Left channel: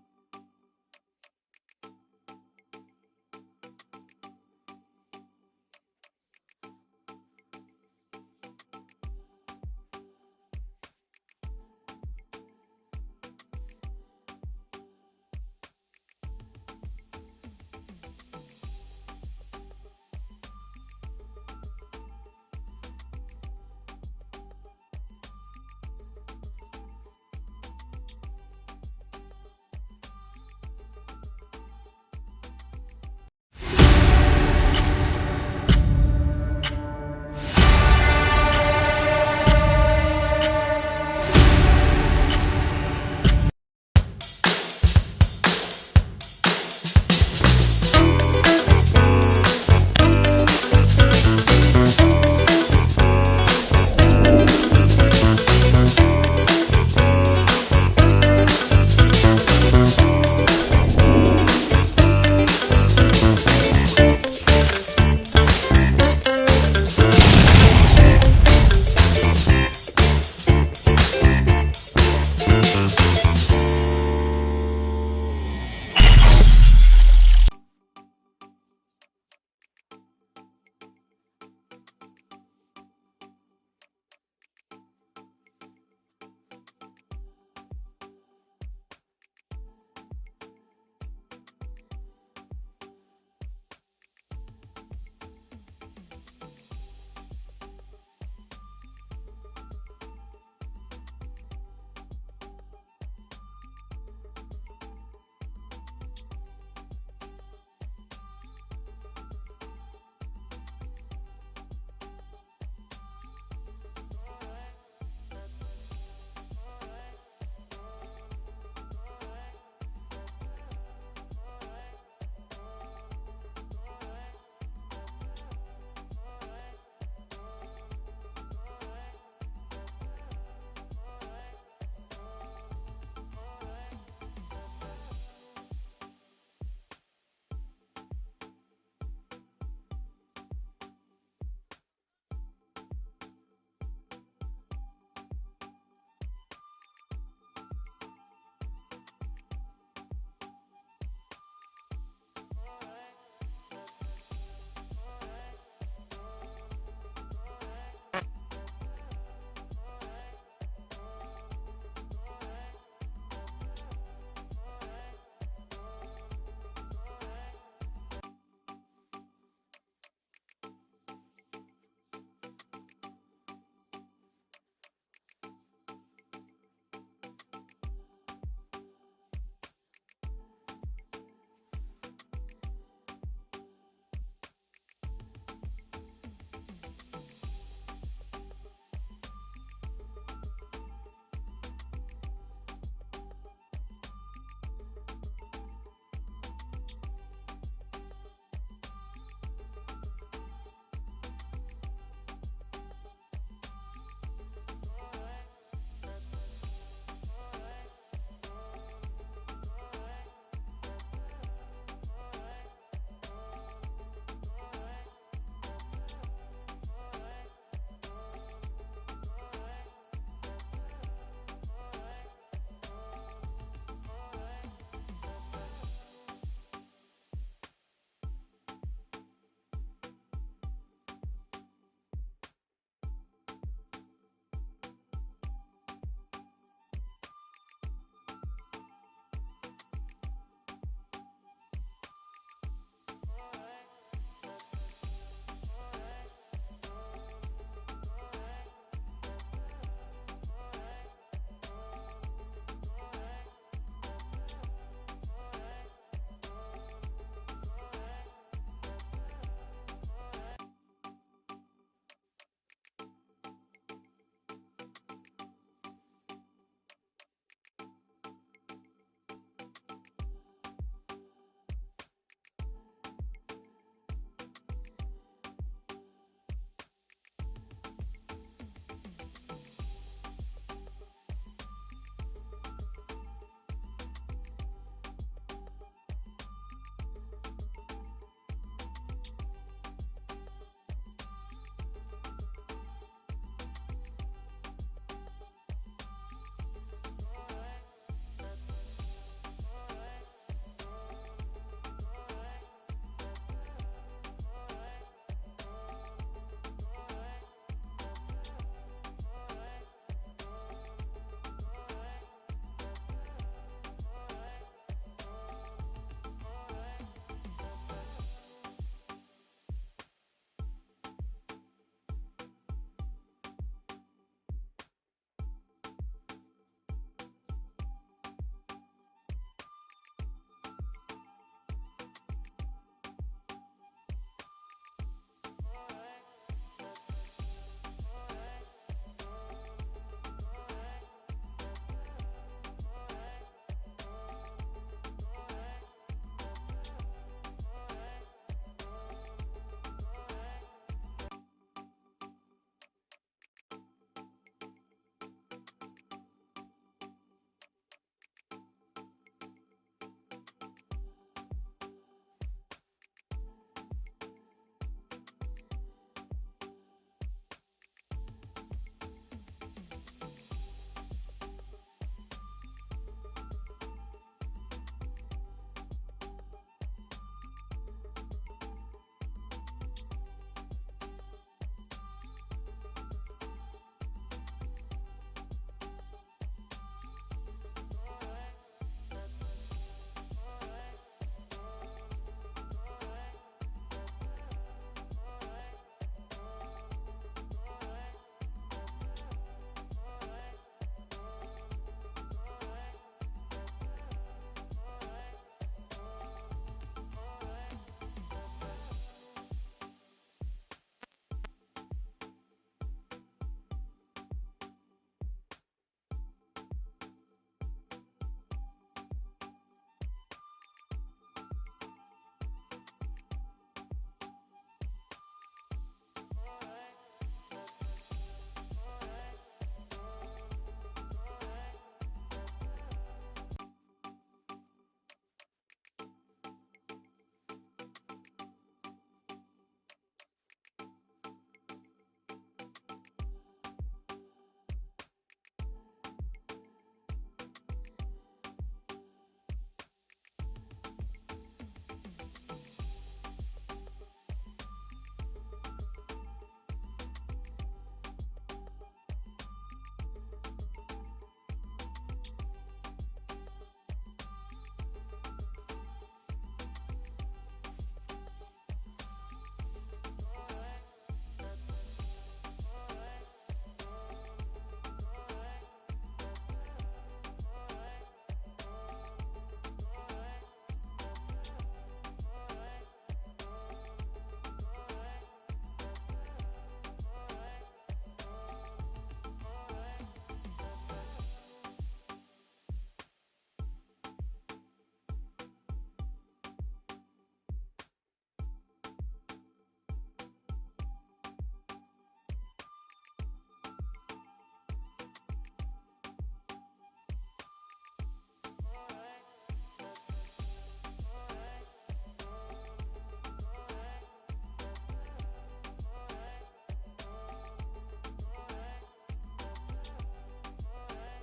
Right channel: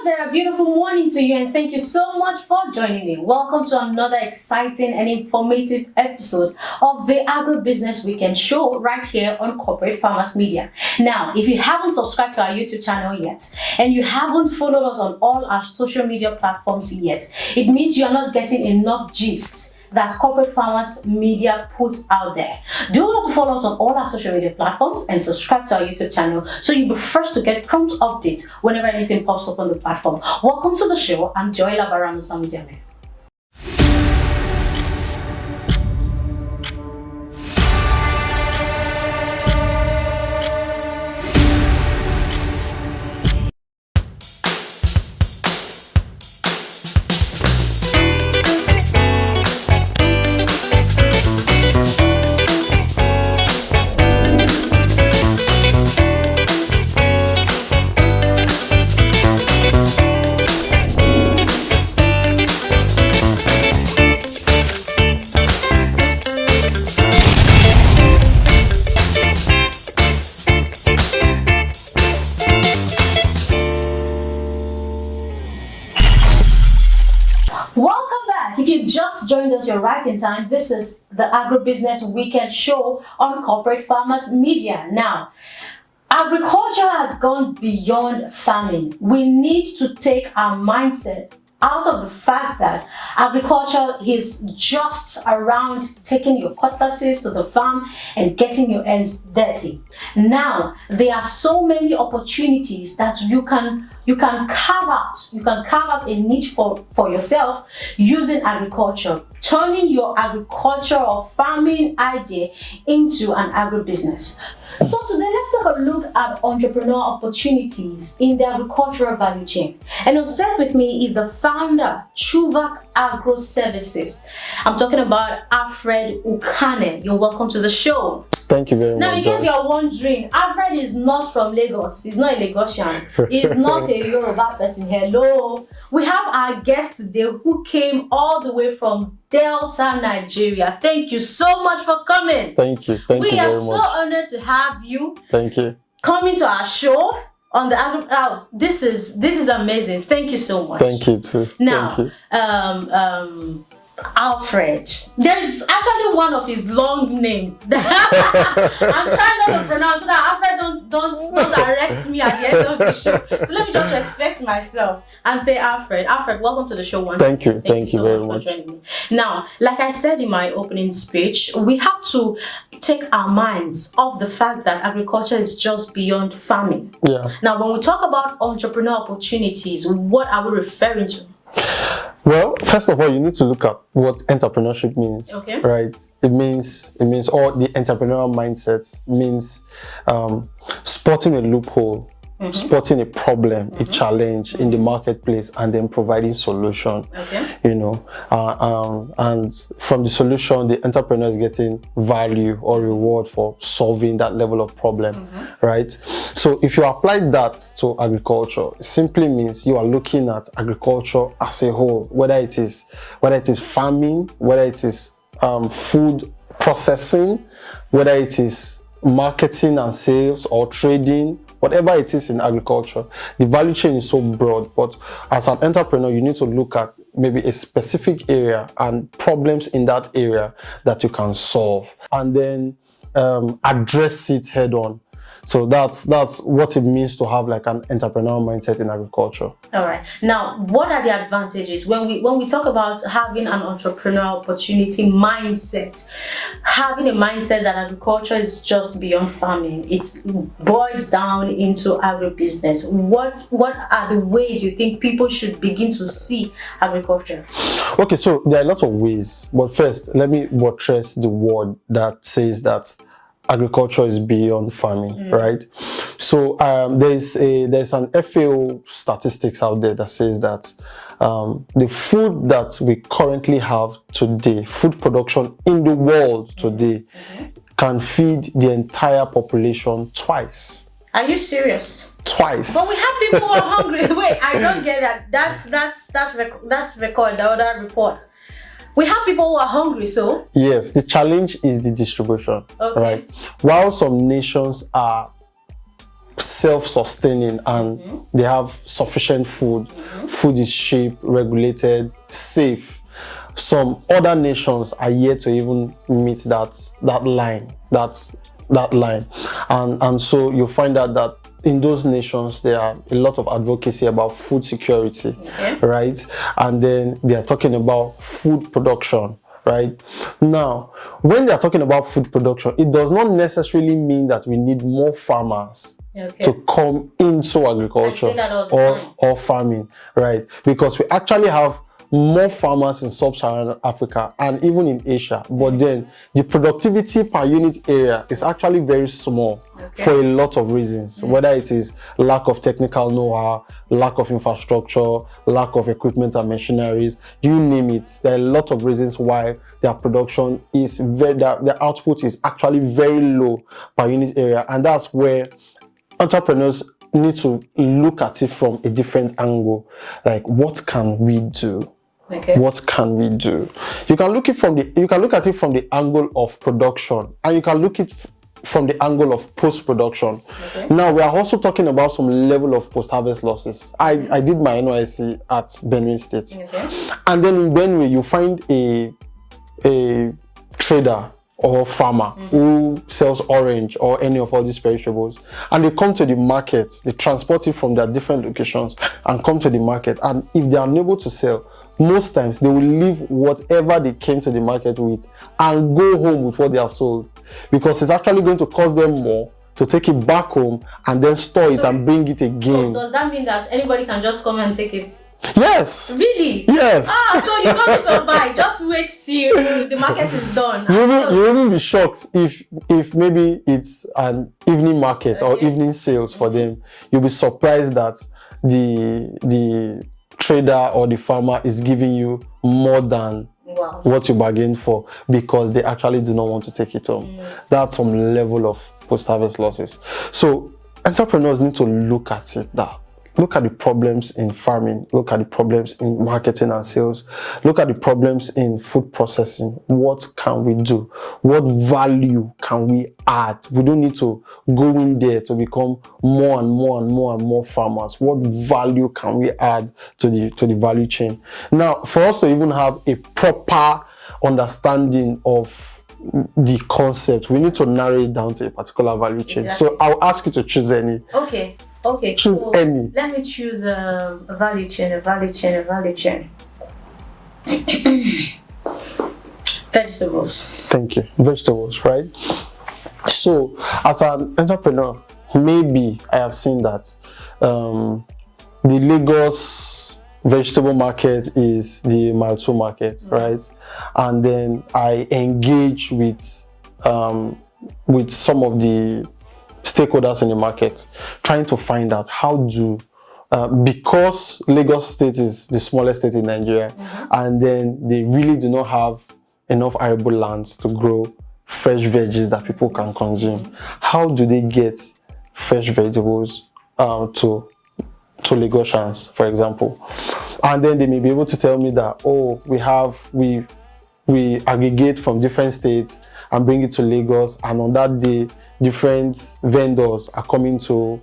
Hello there, beautiful morning to you, and thank you so much for joining me. Welcome to another exciting and informative episode of the Agribusiness Weekend Show right here on Corporate Farmers Media. Now, if you haven't subscribed to our YouTube channel yet, and you haven't followed us on all our social media platforms yet, it means you're not getting enough gist that Corporate Farmers Media puts out there. Do want to follow us on all our social media platforms and subscribe to our YouTube channel so you'll be first to get prompt updates whenever anything pops up on the platform. Welcome to the show. I'm Joy Labaramusamujane. Joined us, you're right in time. This is the Agribusiness Weekend Show on Corporate Farmers Media. Now, agriculture has gone beyond farming. We need to take our mindset out of the fact that agriculture is just around taking your cutlasses to the farm and getting your hands dirty. Now, there are so many opportunities that you can carve out a niche for yourself using agriculture, turning your agriculture or farming idea into an agribusiness. So today, let's take a look at entrepreneurial opportunities in the agricultural value chain. And on set with me is the founder, Chuvak Agro Services. I'm talking about Alfred Ukane. You're welcome to the show. Thank you very much. Now, in case you're wondering, Alfred is not from Lagos. He's not a Lagosian. He's not a Yoruba person. Hello. We have our guest today who came all the way from Delta, Nigeria. Thank you so much for coming. Thank you. Thank you very much. We are so honored to have you. Thank you. Coming to our show on the this is amazing. Thank you so much. Thank you too. Now, Thank you. Alfred. There is actually one of his long names. I'm trying not to pronounce so that Alfred don't arrest me at the end of the show. So let me just respect myself and say Alfred. Alfred, welcome to the show once again. Thank you so very much for joining me. Now, like I said in my opening speech, we have to take our minds off the fact that agriculture is just beyond farming. Yeah. Now, when we talk about entrepreneurial opportunities, what are we referring to? Well, first of all, you need to look at what entrepreneurship means. Okay. Right? It means all the entrepreneurial mindset means spotting a loophole, spotting a problem, a challenge in the marketplace, and then providing solution. Okay. You know, and from the solution, the entrepreneur is getting value or reward for solving that level of problem, right? So if you apply that to agriculture, it simply means you are looking at agriculture as a whole, whether it is farming, whether it is food processing, whether it is marketing and sales or trading, whatever it is in agriculture. The value chain is so broad, but as an entrepreneur, you need to look at maybe a specific area and problems in that area that you can solve, and then address it head on. So that's what it means to have like an entrepreneurial mindset in agriculture. All right. Now, what are the advantages when we talk about having an entrepreneurial opportunity mindset? Having a mindset that agriculture is just beyond farming, it boils down into agribusiness. What are the ways you think people should begin to see agriculture? Okay, so there are lots of ways, but first let me buttress the word that says that agriculture is beyond farming, right? So there's an FAO statistics out there that says that the food that we currently have today, food production in the world today, can feed the entire population twice. Are you serious? Twice. But we have people who are hungry. Wait, I don't get that. That record, the other report. We have people who are hungry, so? Yes, the challenge is the distribution, right? While some nations are self-sustaining and they have sufficient food. Food is cheap, regulated, safe. Some other nations are yet to even meet that line. And so you find out that in those nations there are a lot of advocacy about food security, right? And then they are talking about food production, right? Now, when they are talking about food production, it does not necessarily mean that we need more farmers to come into agriculture or farming, right? Because we actually have more farmers in sub-Saharan Africa and even in Asia, but then the productivity per unit area is actually very small for a lot of reasons, whether it is lack of technical know-how, lack of infrastructure, lack of equipment and machineries, you name it. There are a lot of reasons why their production is their output is actually very low per unit area, and that's where entrepreneurs need to look at it from a different angle. Like, what can we do? What can we do? You can look at it from the angle of production, and you can look at it from the angle of post-production. Now, we are also talking about some level of post-harvest losses. I did my NYSC at Benue State, and then in Benue you find a trader or farmer who sells orange or any of all these perishables, and they come to the market, they transport it from their different locations and come to the market, and if they are unable to sell, most times they will leave whatever they came to the market with and go home with what they have sold, because it's actually going to cost them more to take it back home and then store it and bring it again. So does that mean that anybody can just come and take it? Yes. Really? Yes. So you don't need to buy. Just wait till the market is done. You will be shocked if maybe it's an evening market or evening sales for them. You'll be surprised that the trader or the farmer is giving you more than what you bargained for, because they actually do not want to take it home. That's some level of post-harvest losses. So entrepreneurs need to look at it look at the problems in farming, look at the problems in marketing and sales, look at the problems in food processing. What can we do? What value can we add? We don't need to go in there to become more and more farmers. What value can we add to the value chain? Now, for us to even have a proper understanding of the concept, we need to narrow it down to a particular value chain. So I'll ask you to choose any. Okay. Choose any. Let me choose a value chain. Vegetables. Thank you. Vegetables, right? So, as an entrepreneur, maybe I have seen that the Lagos vegetable market is the Mile 2 market, right? And then I engage with some of the stakeholders in the market, trying to find out how do because Lagos State is the smallest state in Nigeria, and then they really do not have enough arable lands to grow fresh veggies that people can consume. How do they get fresh vegetables to Lagosians, for example? And then they may be able to tell me that, oh, we aggregate from different states and bring it to Lagos, and on that day different vendors are coming to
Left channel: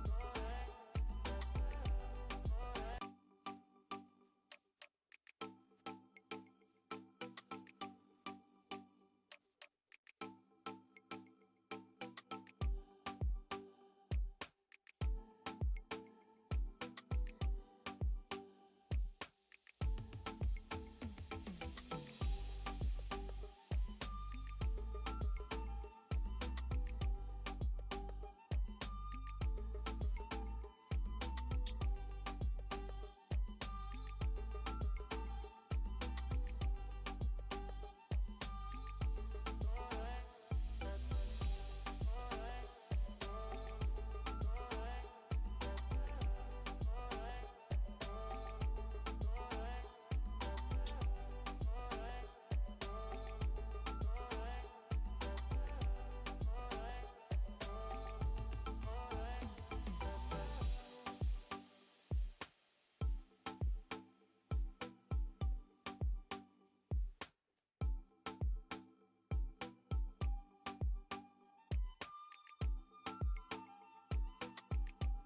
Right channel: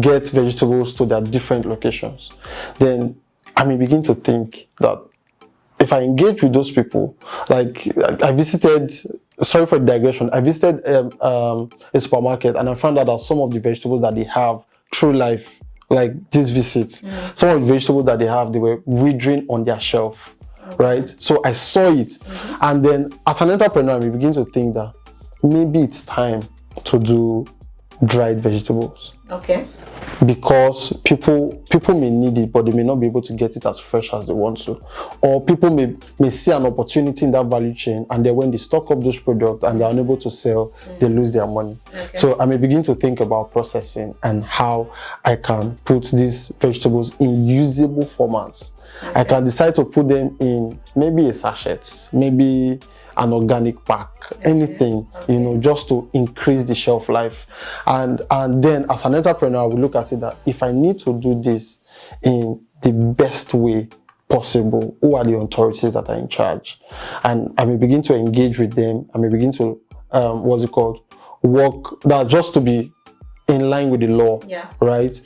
get vegetables to their different locations. Then I may begin to think that if I engage with those people, like I visited, sorry for the digression, I visited a supermarket, and I found out that some of the vegetables that they have through life, like this visit, some of the vegetables that they have, they were withering on their shelf, right? So I saw it, and then as an entrepreneur, we begin to think that maybe it's time to do dried vegetables. Okay. Because people may need it, but they may not be able to get it as fresh as they want to. Or people may see an opportunity in that value chain, and then when they stock up those products and they're unable to sell, they lose their money. Okay. So I may begin to think about processing and how I can put these vegetables in usable formats. Okay. I can decide to put them in maybe a sachet, maybe an organic pack, anything, just to increase the shelf life. And then as an entrepreneur, I will look at it that if I need to do this in the best way possible, who are the authorities that are in charge? And I may begin to engage with them. I may begin to, work that just to be in line with the law, right?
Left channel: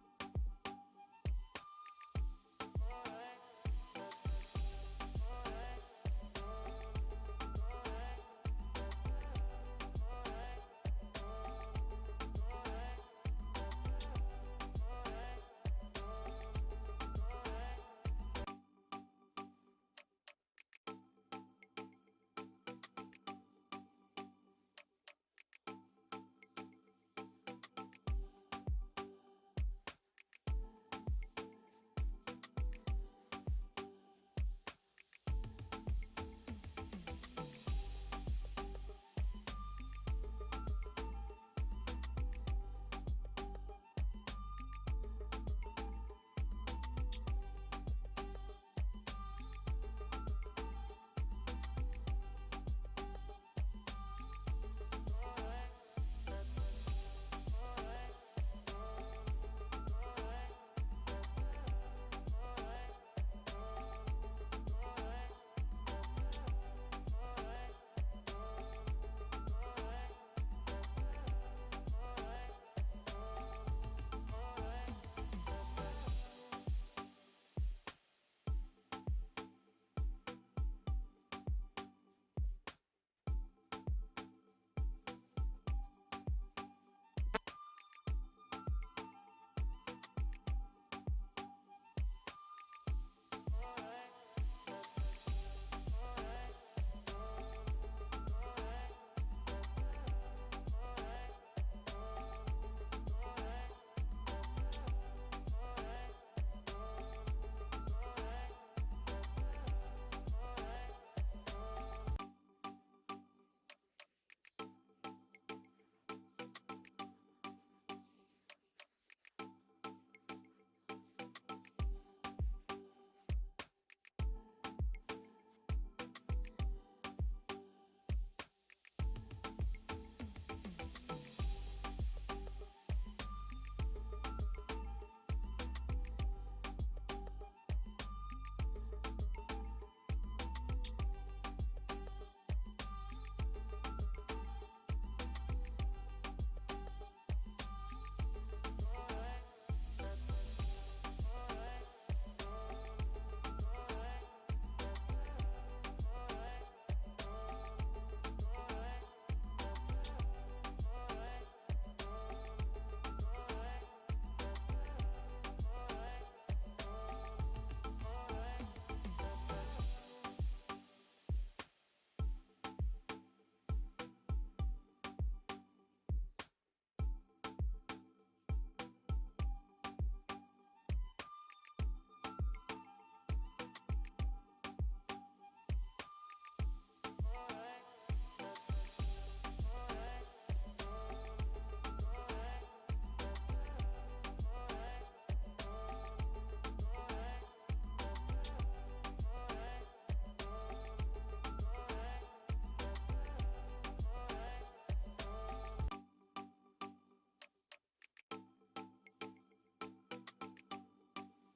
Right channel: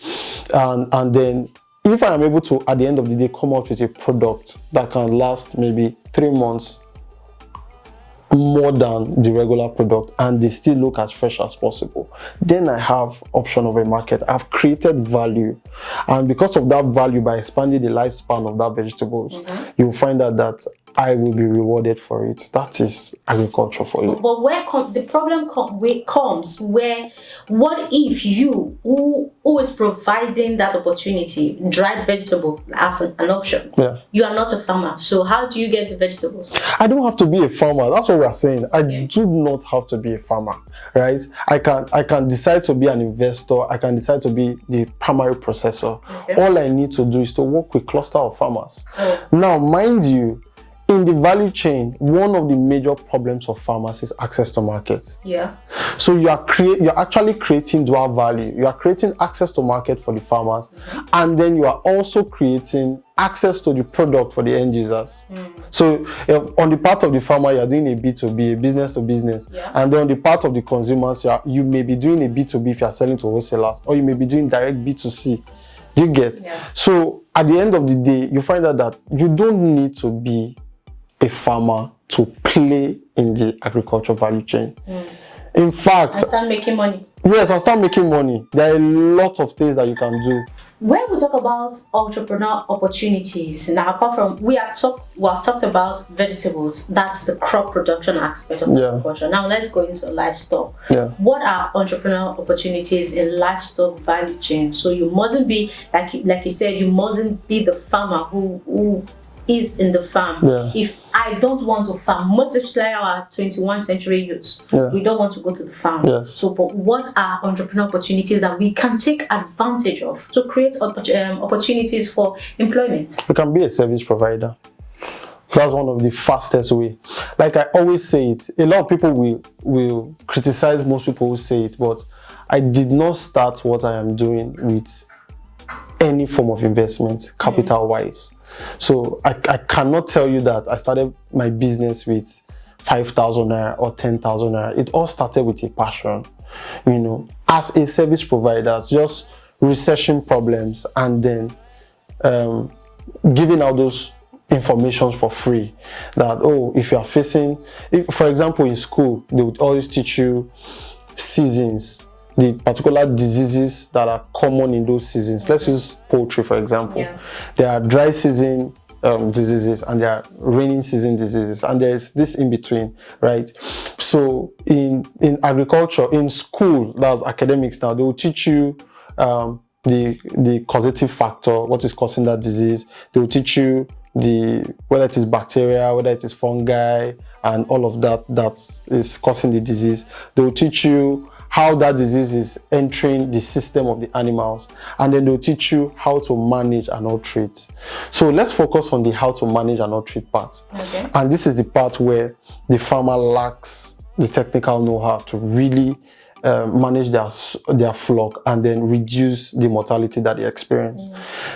And then if I am able to, at the end of the day, come out with a product that can last maybe 3 months more than the regular product and they still look as fresh as possible, then I have option of a market. I've created value, and because of that value, by expanding the lifespan of that vegetables, you'll find out that I will be rewarded for it. That is agriculture for you. But where the problem comes where, what if you, who is providing that opportunity, dried vegetable as an option, you are not a farmer, so how do you get the vegetables? I don't have to be a farmer. That's what we are saying. I do not have to be a farmer, right? I can decide to be an investor. I can decide to be the primary processor. All I need to do is to work with cluster of farmers. Now, mind you, in the value chain, one of the major problems of farmers is access to market. So you're actually creating dual value. You are creating access to market for the farmers, and then you are also creating access to the product for the end users. So on the part of the farmer, you are doing a B2B, a business to business, and then on the part of the consumers, you may be doing a B2B if you are selling to wholesalers, or you may be doing direct B2C. Do you get? So at the end of the day, you find out that you don't need to be a farmer to play in the agriculture value chain. In fact, and start making money. Yes, and start making money. There are a lot of things that you can do. When we talk about entrepreneurial opportunities, now apart from we have talked about vegetables, that's the crop production aspect of agriculture. Now let's go into livestock. What are entrepreneurial opportunities in livestock value chain? So you mustn't be like you said, you mustn't be the farmer who is in the farm. If I don't want to farm, most especially our 21st century youths, we don't want to go to the farm. So, but what are entrepreneurial opportunities that we can take advantage of to create opportunities for employment? You can be a service provider. That's one of the fastest way. Like I always say it, a lot of people will criticize most people who say it, but I did not start what I am doing with any form of investment, capital-wise. So I cannot tell you that I started my business with 5,000 naira or 10,000 naira. It all started with a passion, you know, as a service provider, just researching problems and then giving out those information for free. That, oh, if you are facing, for example, in school, they would always teach you seasons, the particular diseases that are common in those seasons. Let's use poultry, for example. There are dry season diseases and there are rainy season diseases, and there's this in between, right? So in agriculture, in school, that's academics now, they will teach you the causative factor, what is causing that disease. They will teach you whether it is bacteria, whether it is fungi, and all of that is causing the disease. They will teach you how that disease is entering the system of the animals, and then they'll teach you how to manage and not treat. So let's focus on the how to manage and not treat part. And this is the part where the farmer lacks the technical know-how to really manage their flock and then reduce the mortality that they experience.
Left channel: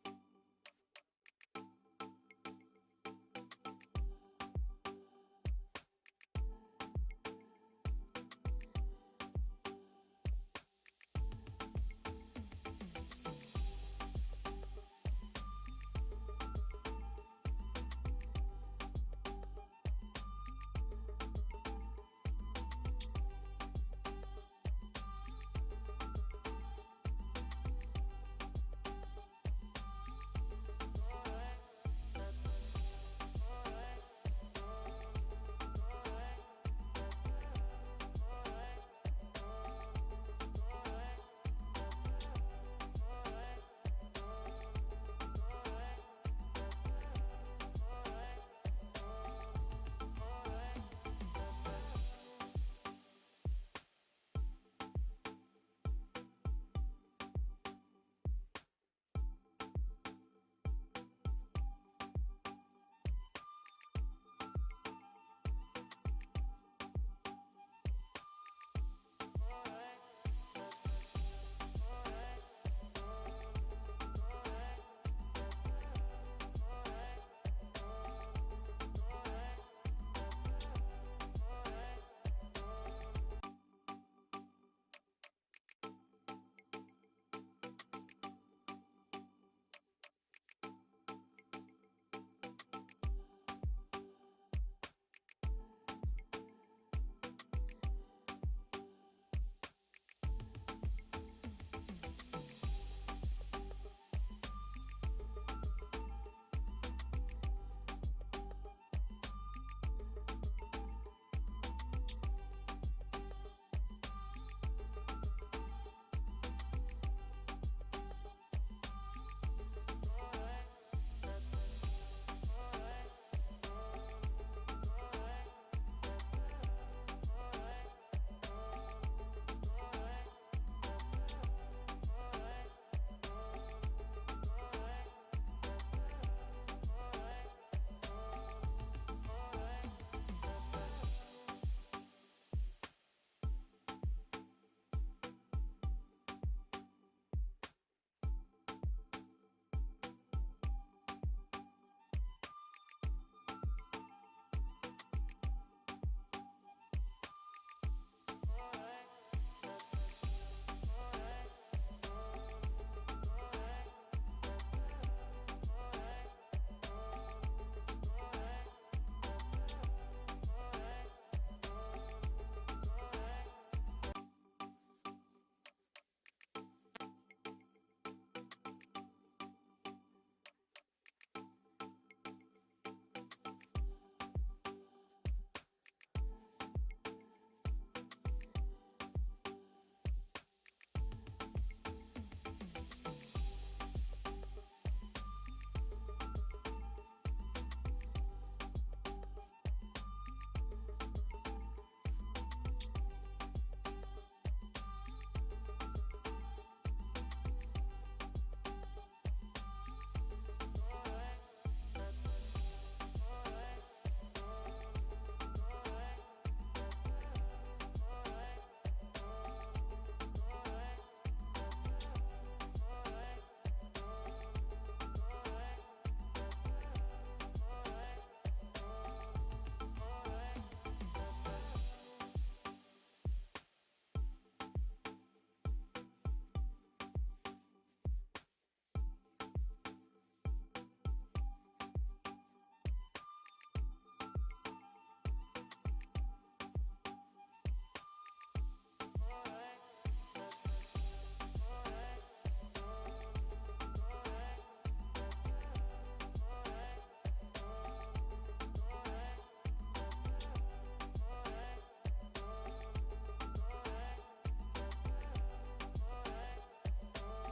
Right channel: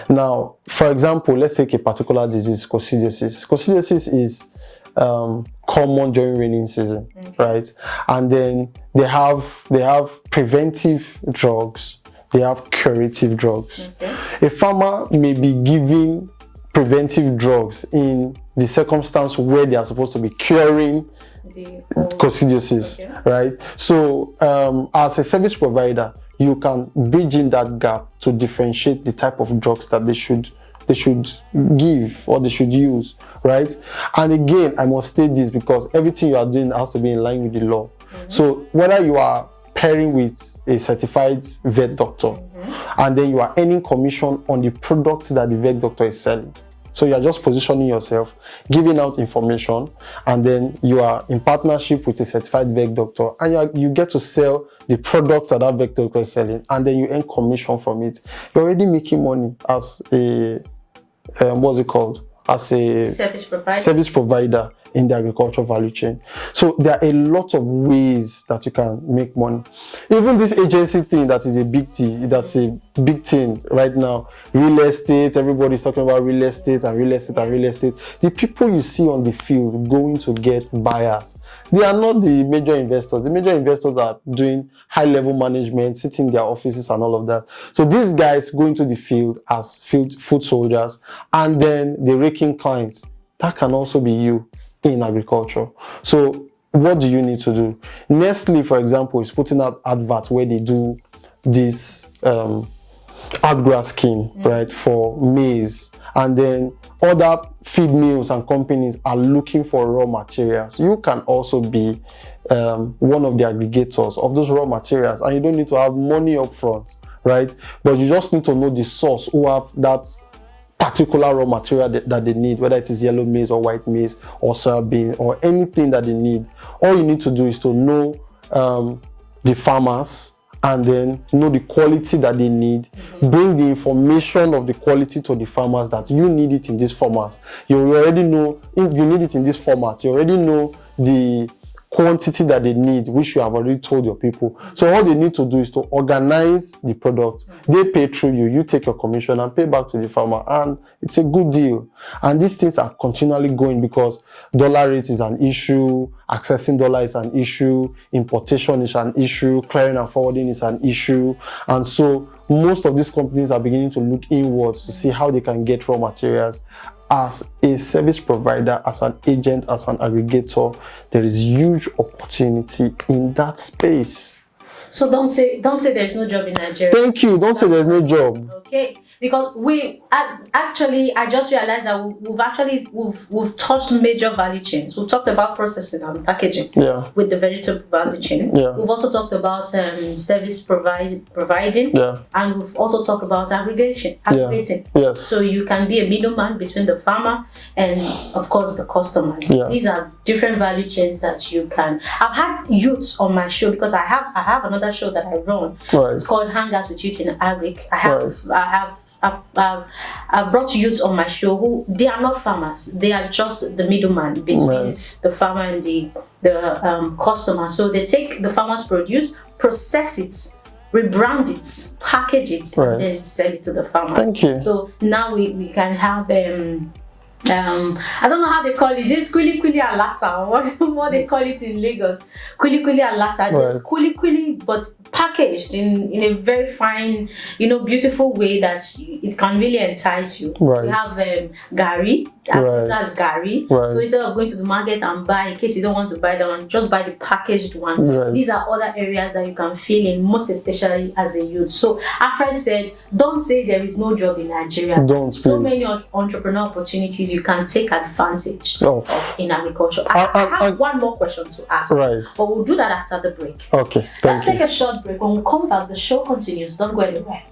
Now, for example, let's take a particular disease, coccidiosis. Coccidiosis is common during rainy season, right? And then they have preventive drugs, they have curative drugs. A farmer may be giving preventive drugs in the circumstance where they are supposed to be curing coccidiosis, right? So as a service provider, you can bridge in that gap to differentiate the type of drugs that they should give or they should use, right? And again, I must state this because everything you are doing has to be in line with the law. So whether you are pairing with a certified vet doctor and then you are earning commission on the products that the vet doctor is selling. So you are just positioning yourself, giving out information, and then you are in partnership with a certified vet doctor, and you get to sell the products that vet doctor is selling, and then you earn commission from it. You're already making money as a what's it called? As a service provider. in the agricultural value chain. So there are a lot of ways that you can make money. Even this agency thing that is a big thing, that's a big thing right now. Real estate, everybody's talking about real estate and real estate and real estate. The people you see on the field going to get buyers, they are not the major investors. The major investors are doing high-level management, sitting in their offices and all of that. So these guys go into the field as foot soldiers, and then they rake in clients. That can also be you in agriculture. So what do you need to do? Nestle, for example, is putting out adverts where they do this outgrass scheme, right, for maize, and then other feed mills and companies are looking for raw materials. You can also be one of the aggregators of those raw materials, and you don't need to have money up front, right? But you just need to know the source who have that particular raw material that they need, whether it is yellow maize or white maize or soybean or anything that they need. All you need to do is to know the farmers, and then know the quality that they need, bring the information of the quality to the farmers, that you need it in this format. You already know you need it in this format. You already know the quantity that they need, which you have already told your people. So all they need to do is to organize the product. They pay through you, you take your commission and pay back to the farmer, and it's a good deal. And these things are continually going because dollar rate is an issue, accessing dollar is an issue, importation is an issue, clearing and forwarding is an issue. And so most of these companies are beginning to look inwards to see how they can get raw materials. As a service provider, as an agent, as an aggregator, there is huge opportunity in that space. So don't say there's no job in Nigeria. Thank you. Don't say there's no job. Okay, because I just realized that we've touched major value chains. We've talked about processing and packaging. Yeah. With the vegetable value chain. Yeah. We've also talked about service providing. Yeah. And we've also talked about aggregating. Yes. So you can be a middleman between the farmer and, of course, the customers. Yeah. These are different value chains that you can. I've had youths on my show because I have another show that I run. Right. It's called Hang Out with Youth in Agric. I've brought youths on my show who they are not farmers. They are just the middleman between the farmer and the customer. So they take the farmer's produce, process it, rebrand it, package it, and then sell it to the farmers. Thank you. So now we can have I don't know how they call it. This kuli alata, what they call it in Lagos. Kuli alata. Just kuli, but packaged in a very fine, beautiful way that it can really entice you. Right. We have gari. That's gari. Right. So instead of going to the market and buy, in case you don't want to buy that one, just buy the packaged one. Right. These are other areas that you can fill in, most especially as a youth. So Alfred said, don't say there is no job in Nigeria. Don't, so please. many entrepreneurial opportunities you can take advantage of in agriculture. I have one more question to ask, but we'll do that after the break. Okay, Let's take a short break. When we come back, the show continues. Don't go anywhere.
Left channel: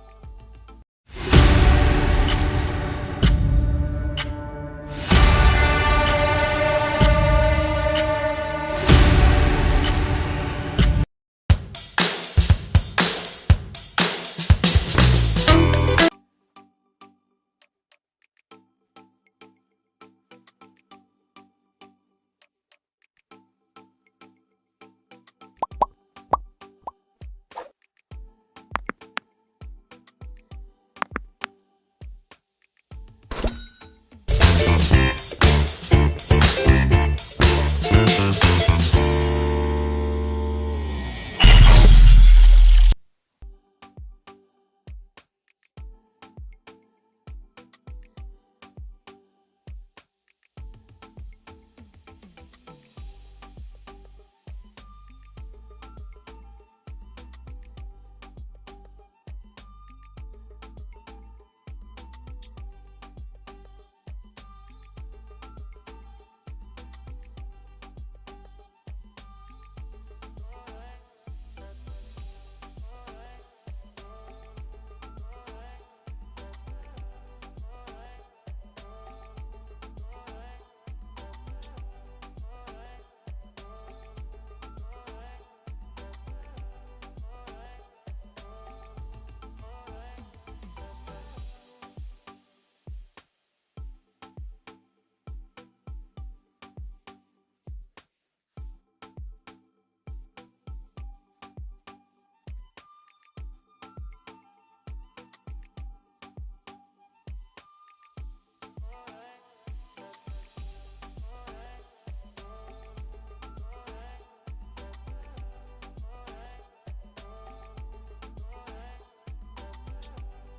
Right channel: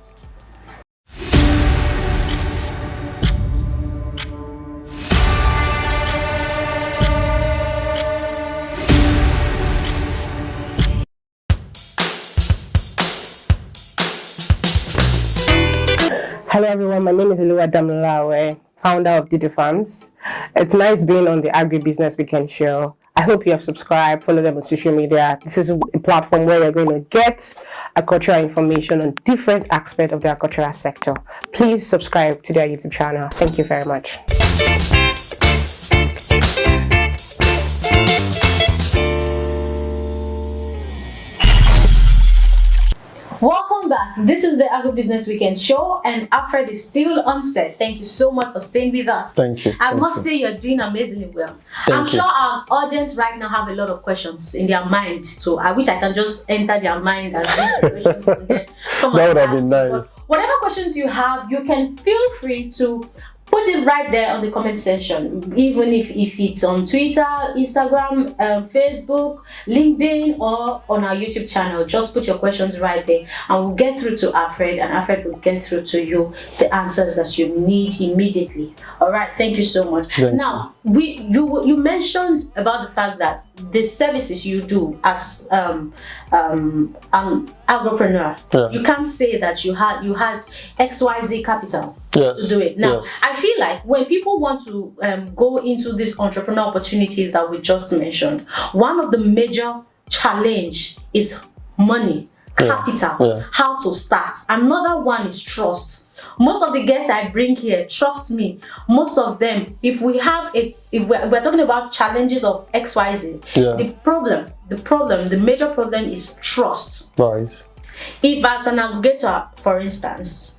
Hello everyone, my name is Oluwa Damlawe, founder of Didi Farms. It's nice being on the Agribusiness Weekend show. I hope you have subscribed, follow them on social media. This is a platform where you're going to get agricultural information on different aspects of the agricultural sector. Please subscribe to their YouTube channel. Thank you very much. Welcome back. This is the Agribusiness Weekend show, and Alfred is still on set. Thank you so much for staying with us. Thank you. I must say you're doing amazingly well. I'm sure our audience right now have a lot of questions in their mind, so I wish I can just enter their mind and read the questions and then come that and would have ask. been nice. But whatever questions you have, you can feel free to put it right there on the comment section, even if it's on Twitter, Instagram, Facebook, LinkedIn, or on our YouTube channel. Just put your questions right there and we'll get through to Alfred, and Alfred will get through to you the answers that you need immediately. All right, thank you so much. Now, you mentioned about the fact that the services you do as an agripreneur, you can't say that you had XYZ capital Yes. to do it. Now, yes. I feel like when people want to go into these entrepreneurial opportunities that we just mentioned, one of the major challenge is money, capital, how to start. Another one is trust. Most of the guests I bring here, trust me, most of them, if we're talking about challenges of XYZ, the major problem is trust. Right. If as an aggregator, for instance,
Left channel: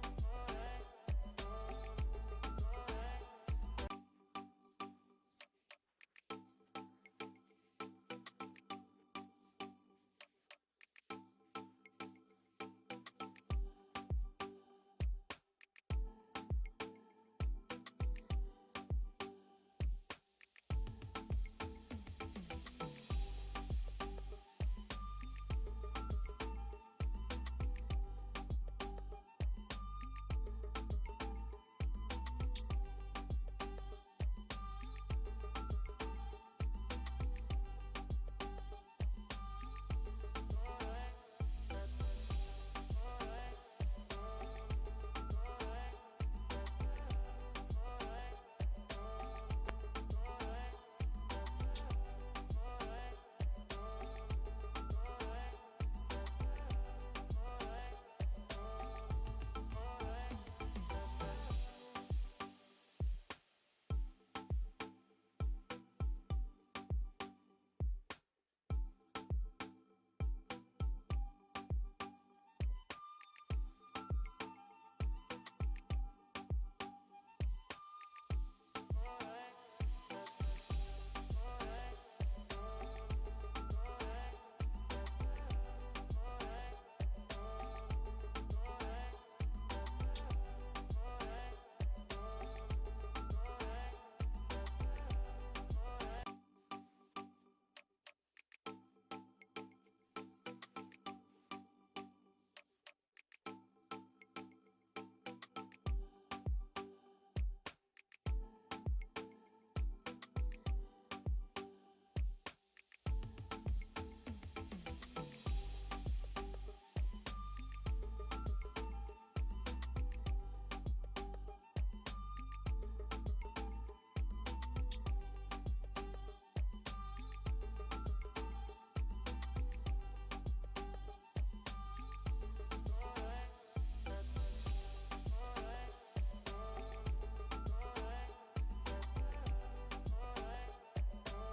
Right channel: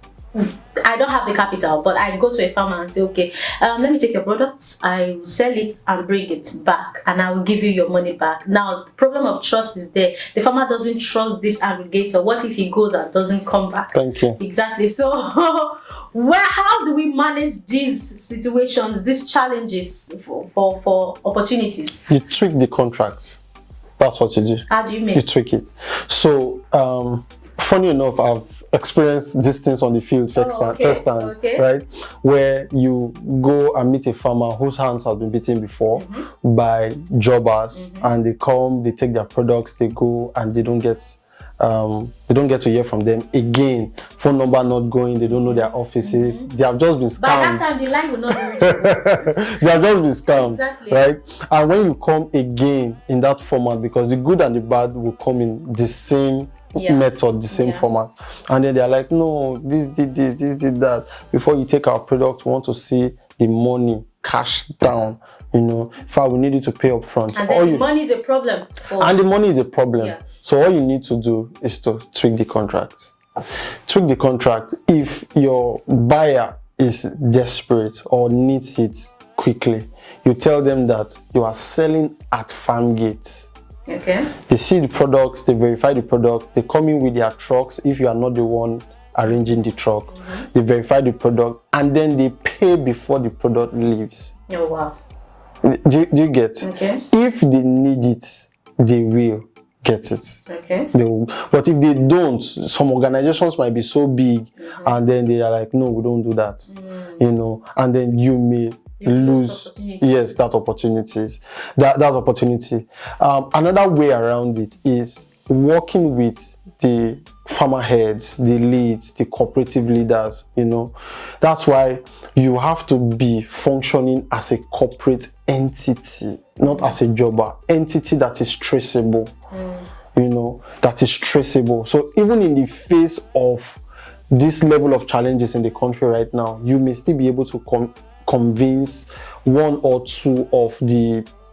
I don't have the capital, but I go to a farmer and say, okay, let me take your products, I will sell it and bring it back, and I will give you your money back. Now, the problem of trust is there. The farmer doesn't trust this aggregator. What if he goes and doesn't come back? Thank you. Exactly. So, how do we manage these situations, these challenges for opportunities? You tweak the contract. That's what you do. How do you mean? You tweak it. So, funny enough, I've experienced these things on the field firsthand, right? Where you go and meet a farmer whose hands have been beaten before by jobbers, and they come, they take their products, they go, and they don't get to hear from them again. Phone number not going, they don't know their offices. They have just been scammed. By that time, the line will not be reachable. They have just been scammed, exactly. right? And when you come again in that format, because the good and the bad will come in the same method, the same format, and then they're like, no, this did that. Before you take our product, we want to see the money cash down. In fact, we need you to pay up front. And then the money is a problem. And the money is a problem. So all you need to do is to tweak the contract. Tweak the contract. If your buyer is desperate or needs it quickly, you tell them that you are selling at farm gate. Okay. They see the products, they verify the product, they come in with their trucks if you are not the one arranging the truck. They verify the product, and then they pay before the product leaves. Oh, wow. Do you get? Okay. If they need it, they will get it. Okay. They will. But if they don't, some organizations might be so big, and then they are like, no, we don't do that. And then you may lose that opportunity. Another way around it is working with the farmer heads, the leads, the cooperative leaders. That's why you have to be functioning as a corporate entity, not as a jobber. Entity that is traceable. That is traceable. So even in the face of this level of challenges in the country right now, you may still be able to convince one or two of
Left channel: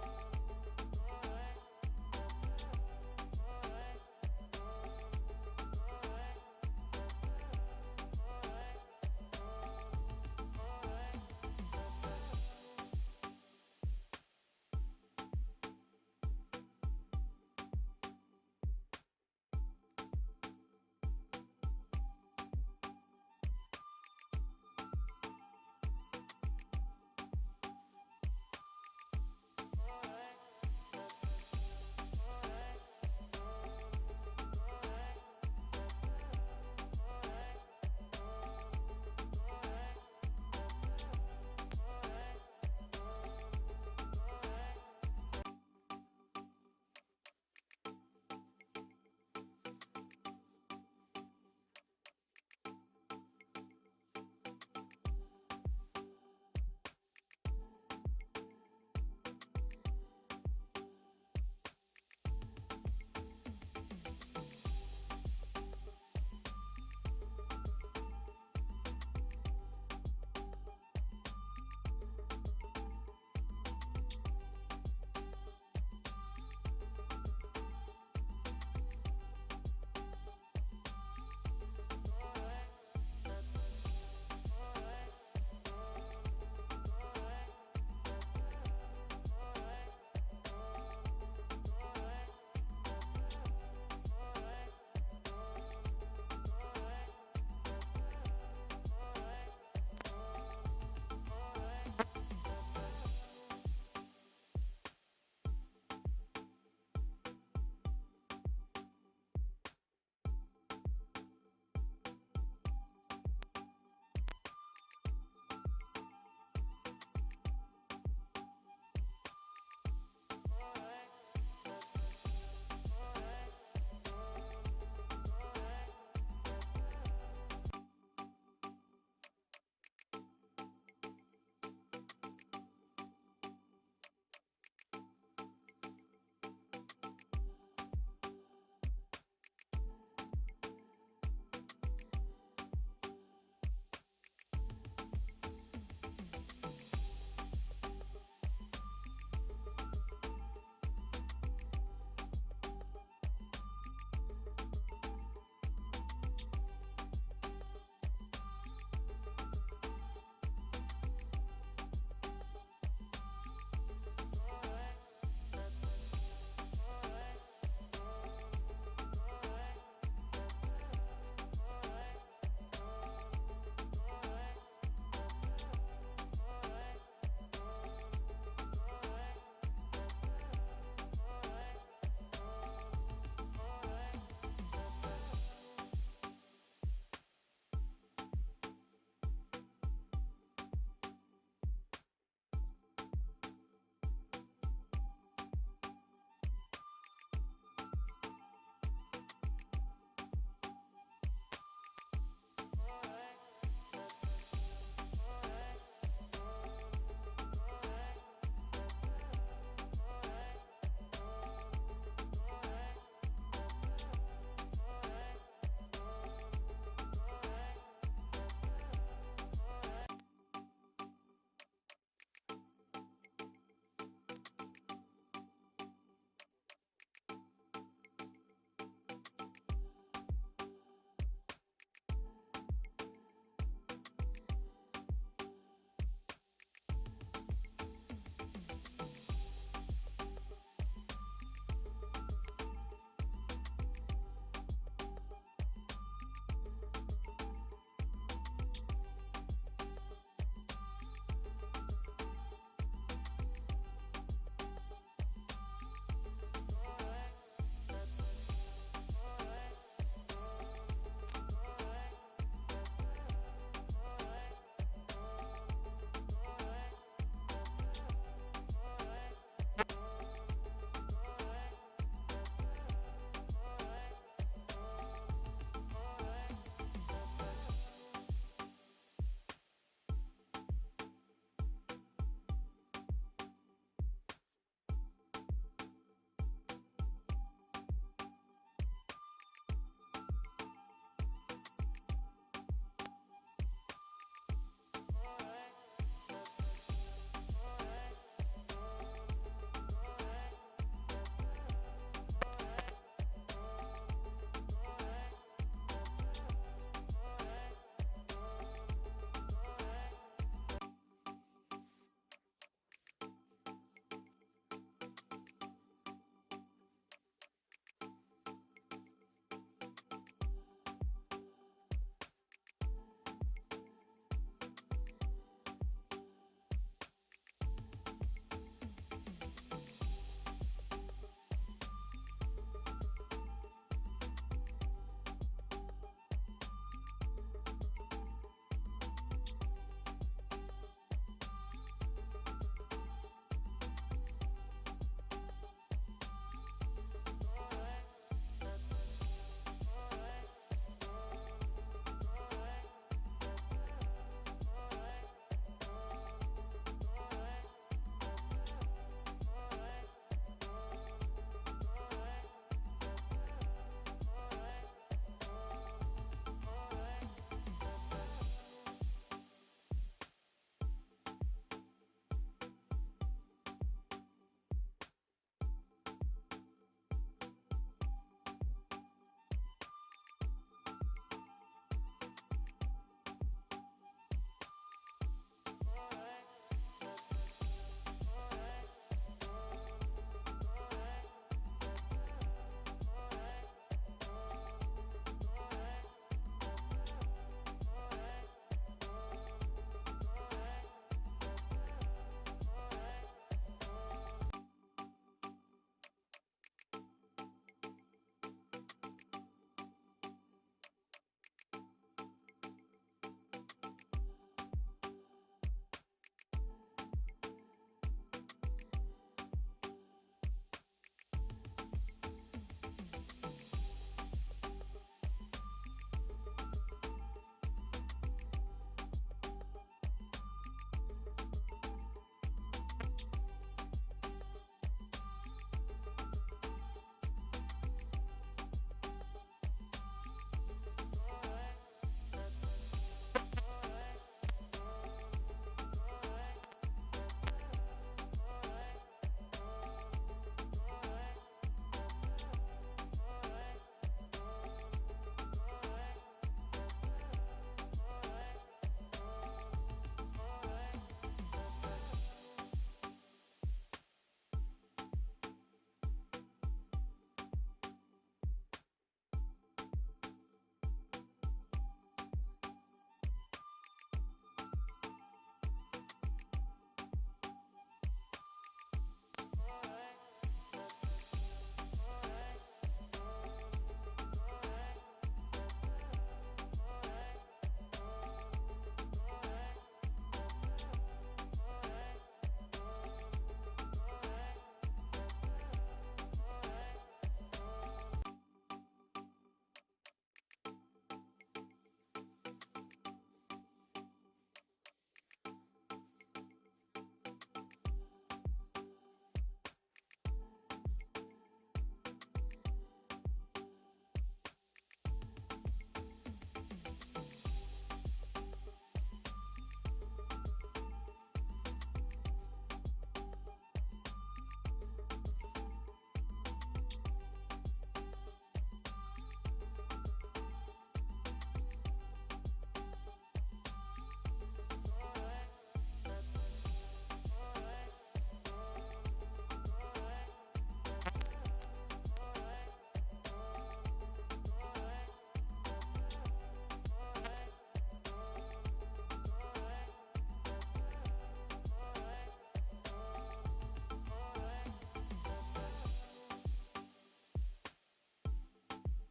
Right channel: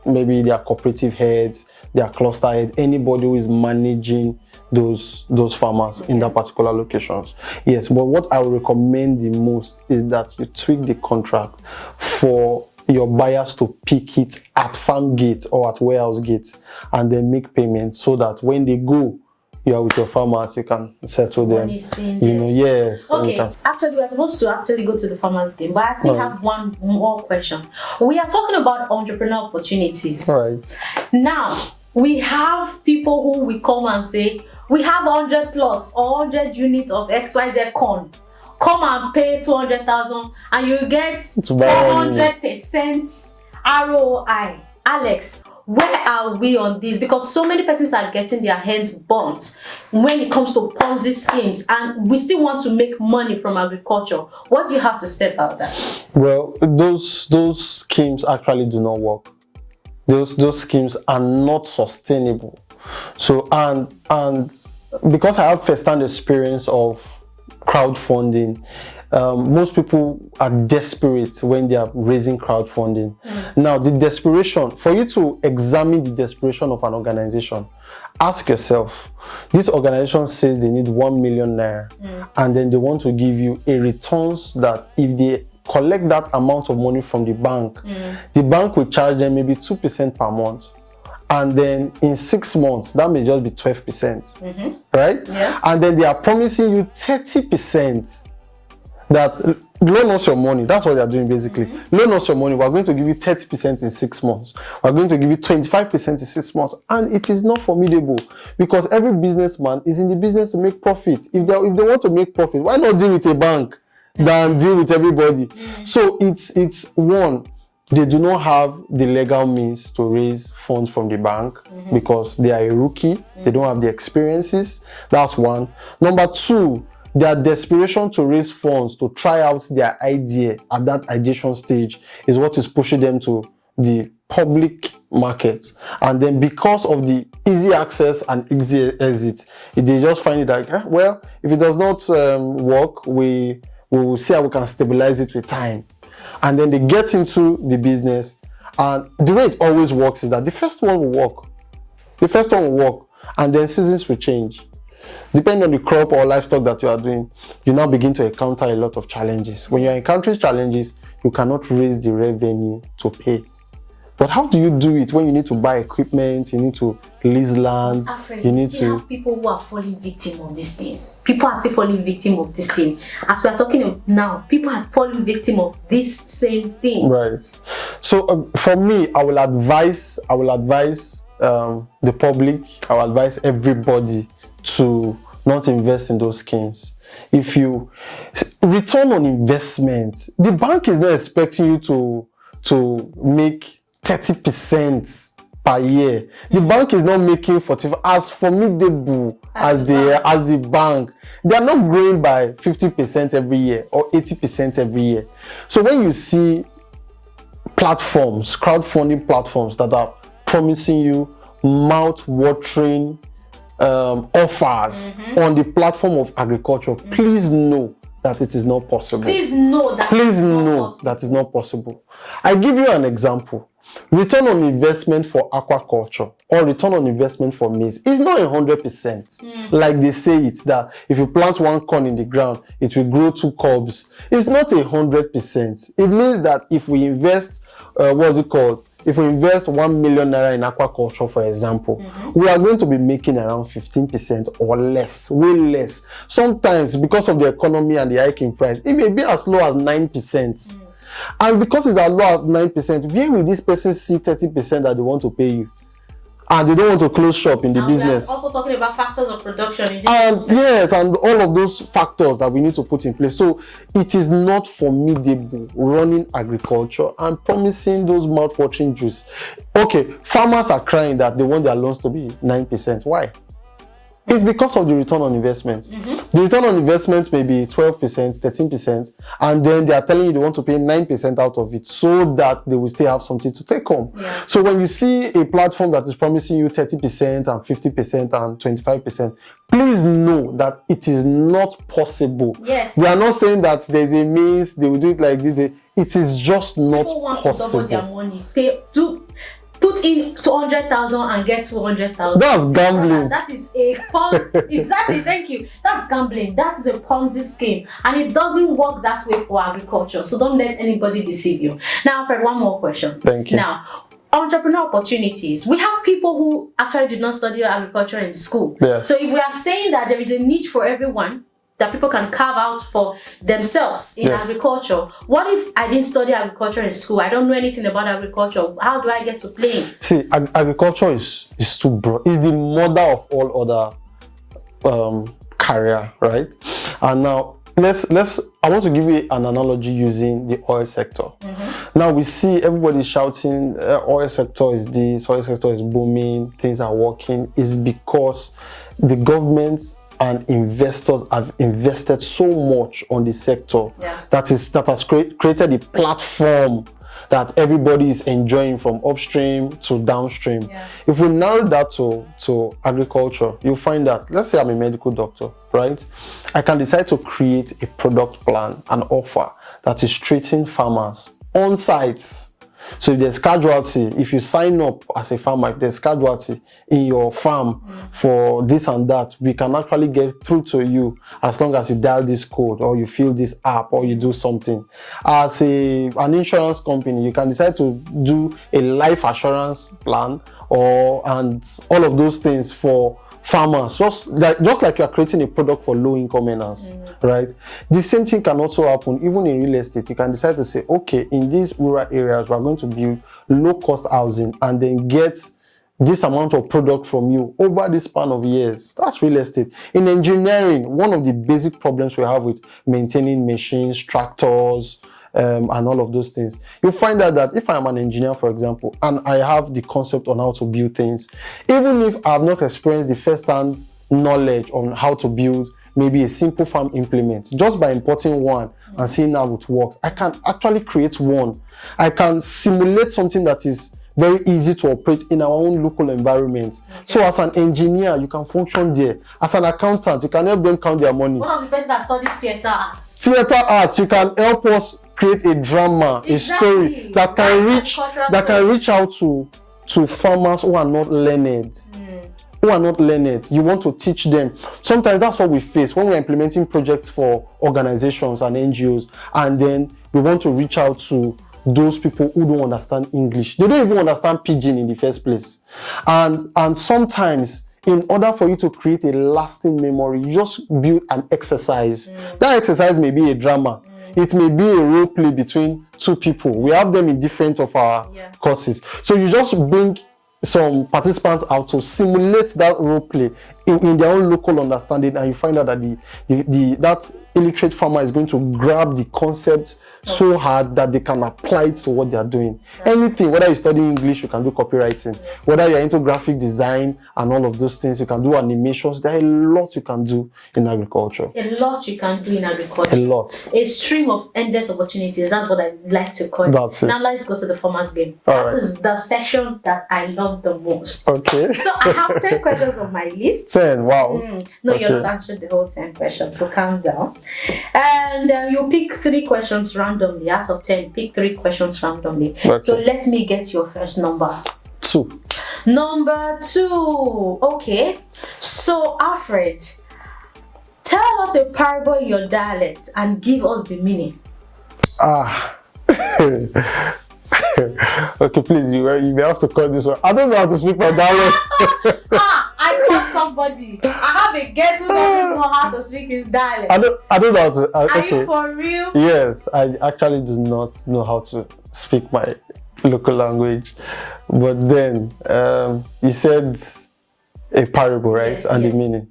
maybe their cooperative heads, their cluster head, anybody who is managing those farmers in that particular locations. Yes, but what I would recommend the most is that you tweak the contract for your buyers to pick it at farm gate or at warehouse gate, and then make payment, so that when they go, you are with your farmers, you can settle them. Yes. Okay. Actually, we are supposed to actually go to the farmers game, but I still have one more question. We are talking about entrepreneurial opportunities. Right. Now, we have people who will come and say, we have 100 plots or 100 units of XYZ corn. Come and pay 200,000 and you get 400% ROI. Alex, where are we on this? Because so many persons are getting their hands burnt when it comes to Ponzi schemes, and we still want to make money from agriculture. What do you have to say about that? Well, those schemes actually do not work. Those schemes are not sustainable. So and because I have first-hand experience of crowdfunding, most people are desperate when they are raising crowdfunding. Now, the desperation, for you to examine the desperation of an organization, ask yourself, this organization says they need 1 million naira, and then they want to give you a returns that if they collect that amount of money from the bank will charge them maybe 2% per month. And then in 6 months, that may just be 12%, right? Yeah. And then they are promising you 30% that loan us your money. That's what they are doing basically. Loan us your money. We're going to give you 30% in 6 months. We're going to give you 25% in 6 months. And it is not formidable, because every businessman is in the business to make profit. If they want to make profit, why not deal with a bank than deal with everybody? So it's one, they do not have the legal means to raise funds from the bank because they are a rookie. They don't have the experiences. That's one. Number two, their desperation to raise funds to try out their idea at that ideation stage is what is pushing them to the public market. And then because of the easy access and easy exit, they just find it like, well, if it does not work, we will see how we can stabilize it with time. And then they get into the business, and the way it always works is that the first one will work. And then seasons will change. Depending on the crop or livestock that you are doing, you now begin to encounter a lot of challenges. When you're encountering challenges, you cannot raise the revenue to pay. But how do you do it when you need to buy equipment, you need to lease land, Alfred, you need still to... have people who are falling victim of this thing. People are still falling victim of this thing. As we are talking of now, people are falling victim of this same thing. Right. So for me, I will advise the public, I will advise everybody to not invest in those schemes. If you return on investment, the bank is not expecting you to make 30% per year. The bank is not making 45 as formidable as the bank. They are not growing by 50% every year or 80% every year. So when you see platforms, crowdfunding platforms that are promising you mouth-watering offers on the platform of agriculture, please know that it is not possible. Please know that is not possible. I give you an example. Return on investment for aquaculture or return on investment for maize is not 100%. Like they say it, that if you plant one corn in the ground, it will grow 2 cobs. It's not 100%. It means that if we invest, if we invest 1 million naira in aquaculture, for example, we are going to be making around 15% or less, way less. Sometimes, because of the economy and the hiking price, it may be as low as 9%. And because it's as low as 9%, where will this person see 30% that they want to pay you? And they don't want to close shop in the business. We're also talking about factors of production. And yes, and all of those factors that we need to put in place. So it is not formidable running agriculture and promising those mouth-watering juice. Okay, farmers are crying that they want their loans to be 9%. Why? It's because of the return on investment. The return on investment may be 12%, 13%, and then they are telling you they want to pay 9% out of it so that they will still have something to take home. So when you see a platform that is promising you 30% and 50% and 25%, please know that it is not possible. Yes. We are not saying that there's a means they will do it like this. It is just not People want possible. to double their money. Put in 200,000 and get 200,000. That's gambling. That is a Ponzi. Exactly, thank you. That's gambling. That is a Ponzi scheme, and it doesn't work that way for agriculture. So don't let anybody deceive you. Now, Alfred, one more question. Thank you. Now, entrepreneur opportunities. We have people who actually did not study agriculture in school. Yes. So if we are saying that there is a niche for everyone that people can carve out for themselves in agriculture, what if I didn't study agriculture in school? I don't know anything about agriculture. How do I get to play? See, agriculture is too broad. It's the mother of all other career, right? And now I want to give you an analogy using the oil sector. Now we see everybody shouting, oil sector is this, oil sector is booming, things are working. It's because the government and investors have invested so much on the sector that has created a platform that everybody is enjoying from upstream to downstream. If we narrow that to agriculture, you'll find that, let's say I'm a medical doctor, right? I can decide to create a product plan, an offer that is treating farmers on site. So if there's casualty, if you sign up as a farmer, if there's casualty in your farm for this and that, we can actually get through to you as long as you dial this code or you fill this app or you do something. As an insurance company, you can decide to do a life assurance plan and all of those things for farmers, just like you are creating a product for low-income earners, right? The same thing can also happen even in real estate. You can decide to say, okay, in these rural areas, we're going to build low-cost housing and then get this amount of product from you over the span of years. That's real estate. In engineering, one of the basic problems we have with maintaining machines, tractors, and all of those things, you'll find out that if I'm an engineer, for example, and I have the concept on how to build things, even if I have not experienced the first-hand knowledge on how to build maybe a simple farm implement. Just by importing one and seeing how it works, I can actually create one. I can simulate something that is very easy to operate in our own local environment. So as an engineer, you can function there. As an accountant, you can help them count their money. One of the person that studied theater arts. Theater arts, you can help us create a drama, a story that can reach out to farmers who are not learned. Who are not learned. You want to teach them. Sometimes that's what we face when we're implementing projects for organizations and NGOs, and then we want to reach out to those people who don't understand English. They don't even understand Pidgin in the first place. And sometimes, in order for you to create a lasting memory, you just build an exercise. That exercise may be a drama. It may be a role play between two people. We have them in different of our courses. So you just bring some participants out to simulate that role play in their own local understanding, and you find out that that illiterate farmer is going to grab the concept so hard that they can apply it to what they are doing. Anything, whether you study English, you can do copywriting. Whether you're into graphic design and all of those things, you can do animations. There are a lot you can do in agriculture. A lot you can do in agriculture. A lot. A stream of endless opportunities. That's what I like to call it. That's it. Now let's go to the farmer's game. All That right. is the section that I love the most. Okay. So I have 10 questions on my list. 10, wow. No, Okay. you're not answering the whole 10 questions, so calm down. And you pick 3 questions randomly. Out of 10, pick 3 questions randomly. Okay. So let me get your first number. 2. Number 2. Okay. So Alfred, tell us a parable in your dialect and give us the meaning. Okay, please, you may have to cut this one. I don't know how to speak my dialect. I caught somebody. I have a guest who doesn't know how to speak his dialect. I don't know how to. Are Okay. you for real? Yes, I actually do not know how to speak my local language. But then, you said a parable, right? Yes, and yes. the meaning.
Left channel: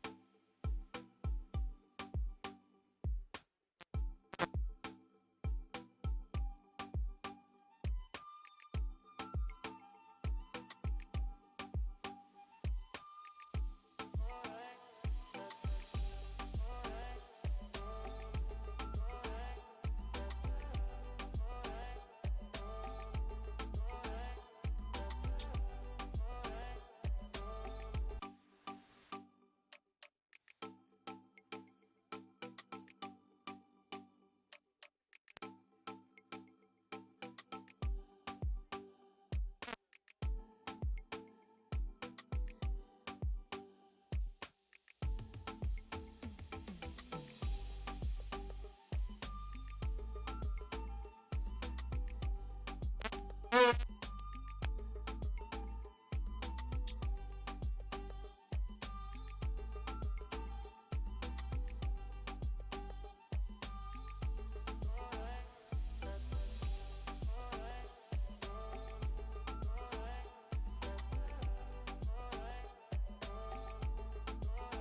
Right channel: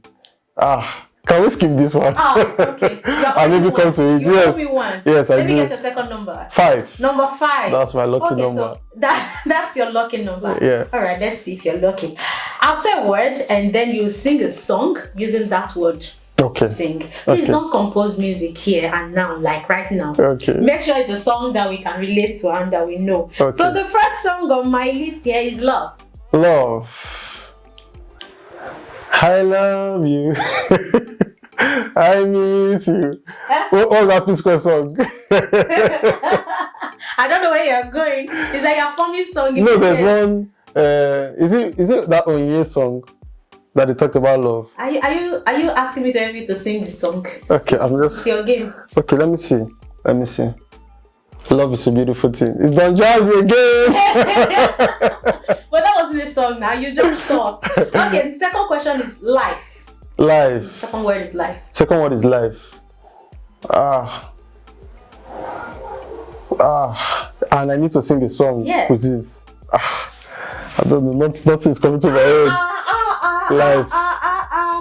Can we skip this one? Okay. I maybe come to it. You Yes. owe me one. Yes, I Let me do. get your second number. 5. Number 5. That's my lucky okay, number. So that's your lucky number. Yeah. All right, let's see if you're lucky. I'll say a word and then you sing a song using that word. Okay. Sing. Please Okay. don't compose music here and now, like right now. Okay. Make sure it's a song that we can relate to and that we know. Okay. So the first song on my list here is Love. Love. I love you. I miss you. What was that P-Square song? I don't know where you're going. It's like a funny song. No, there's one. Is it that Onye song that they talk about love? Are you asking me to help you to sing the song? Okay, I'm It's just. your game. Okay, let me see. Love is a beautiful thing. It's Don Jazzy again. But that wasn't a song now. You just thought. Okay, the second question is life. Life. Second word is life. Second word is life. And I need to sing a song Yes. with this. I don't know. Nothing's coming to my head. Life.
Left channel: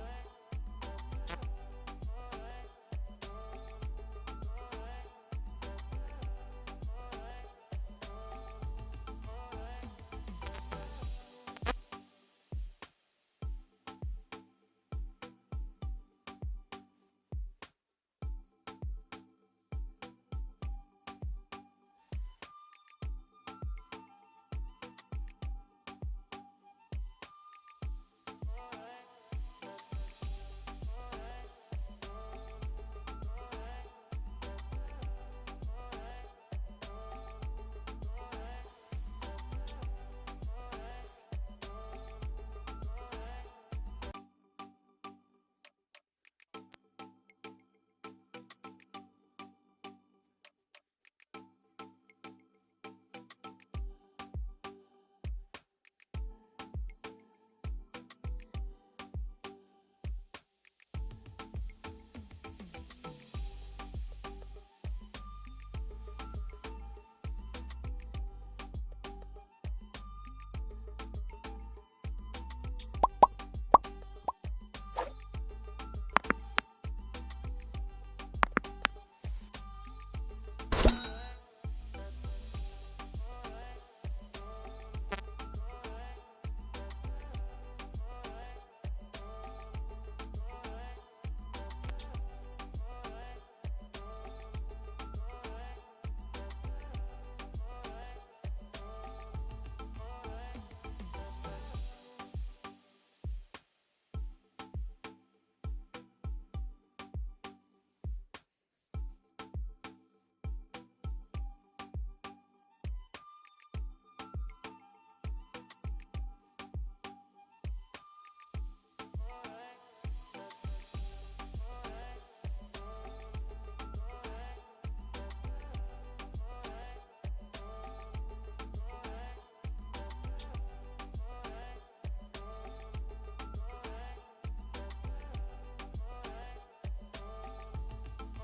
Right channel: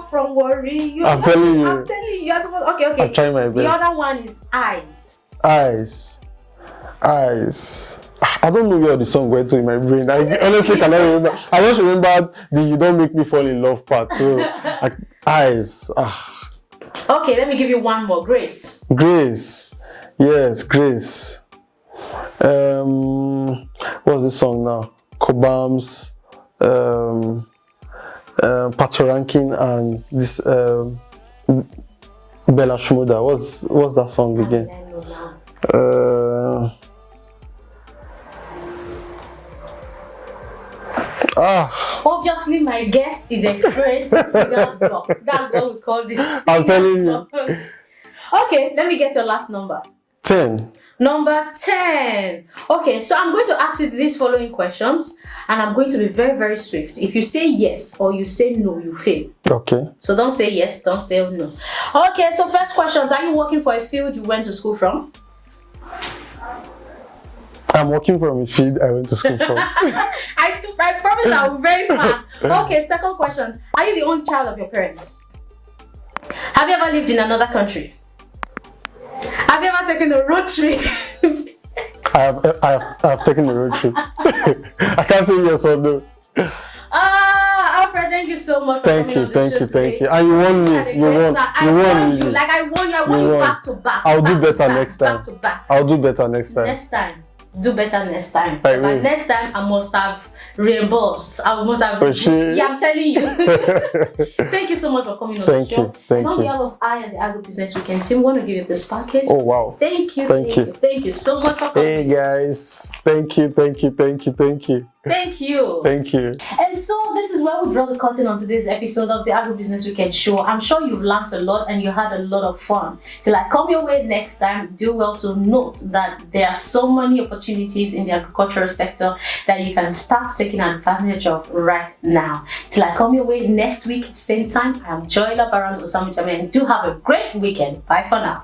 From worry. I'm telling you. I'm telling you. You're supposed. Okay. I'm trying my The best. other one is eyes. Eyes. I don't know where the song went to in my brain. I honestly cannot remember. I just remembered the "You Don't Make Me Fall in Love" part. So, eyes. Okay, let me give you one more. Grace. Grace. Yes, Grace. What's this song now? Cobams, Patoranking, and this Bella Shmurda. What's that song again? Obviously, my guest is experienced singer's block. That's what we call this. I'm telling singer's you. block. Okay, let me get your last number. 10. Number 10. Okay, so I'm going to ask you these following questions and I'm going to be very, very swift. If you say yes or you say no, you fail. Okay. So don't say yes, don't say no. Okay, so first questions. Are you working for a field you went to school from? I'm working from a field I went to school from. I promise I'll be very fast. Okay, second questions. Are you the only child of your parents? Have you ever lived in another country? Have you ever taken a road trip? I have taken a road trip. I can't say yes or no. Alfred, Thank you so much for Thank coming you, on the show thank today. you. And you won me. Had a You great won. time. You I won won you. me. Like I won you. I won You you won. back to back. I'll do back to better back, next time. Back to back. I'll do better next time. Next time. Do better next time. I But will. next time I must have reimbursed. I must have. For sure. Yeah, I'm telling you. Thank you so much for coming on Thank the show. you, thank and on you. behalf of I and the Agribusiness Weekend team, want to give you this package. Oh wow. Thank you. Thank you. Thank you so much for coming. Hey guys. Thank you. Thank you. Thank you. And so this is where we draw the curtain on today's episode of the Agribusiness Weekend Show. I'm sure you've learned a lot and you had a lot of fun. Till I come your way next time, do well to note that there are so many opportunities in the agricultural sector that you can start taking advantage of right now. Till I come your way next week, same time, I'm Joy Labaran Osamu-Jame, and do have a great weekend. Bye for now.